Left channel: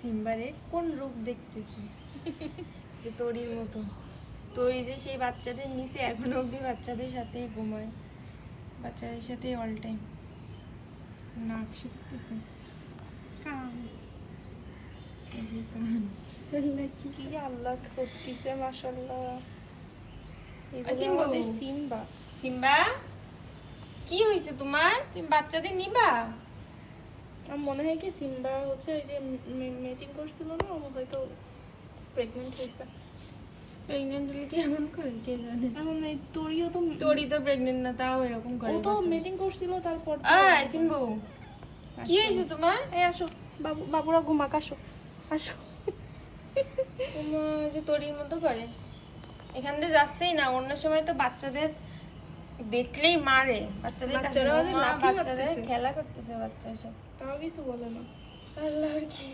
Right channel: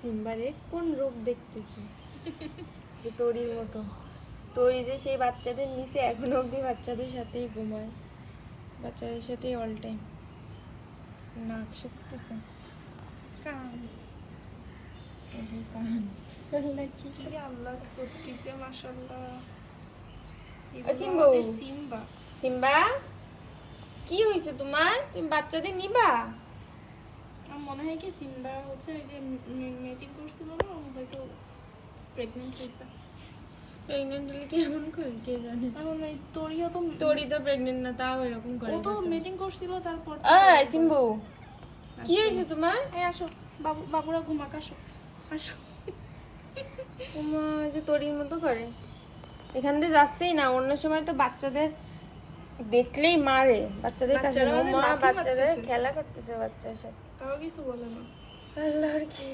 সিম্বারে কোন রোগ দেখতেছি যে তোরির মতো। তোরি যে সেই বাচ্চাদের নিচে এখনো অবধি বাচ্চাদের সাথেই ঘুমায়, বাচ্চাদের সাথেই অল টাইম। নাক শুকতেছে, কান এই যে কান। আল্লাহ কি কি আল্লাহ করতেছে মাশাআল্লাহ। সিম্বু, সিম্বা সিম্বা কি হয়েছে তোমার? তুমি বাচ্চাদের নিবা? আমার মনে হয় কি সিম্বা হচ্ছে ওই যে মিটিং করছিল না, ও হয়তো প্রেগনেন্ট হয়েছে। প্রেগনেন্ট হলে কি এমন করে কে জানে। এখন এই তোরিও তো তোরি তো প্রেগনেন্ট না, তাও এরকম করে। ও তো মিটিং করছিল তারপর। এই সিম্বু কি হয়েছে তোমার? এই আসো, বাবুরা ঘুমাক, আসো আসো। ওমা যে তোরির মতো করে, এখান দিয়ে যাচ্ছেই না। অন্য সময় তো বাচ্চাদের দেখলেই মারে, বাচ্চাদের কাছে বাচ্চারা ওদের মা লাথি বাচ্চাদের মারতেছে। খেলা করতেছে বাচ্চার সাথে। তাও কিছু বলো না। আল্লাহর কি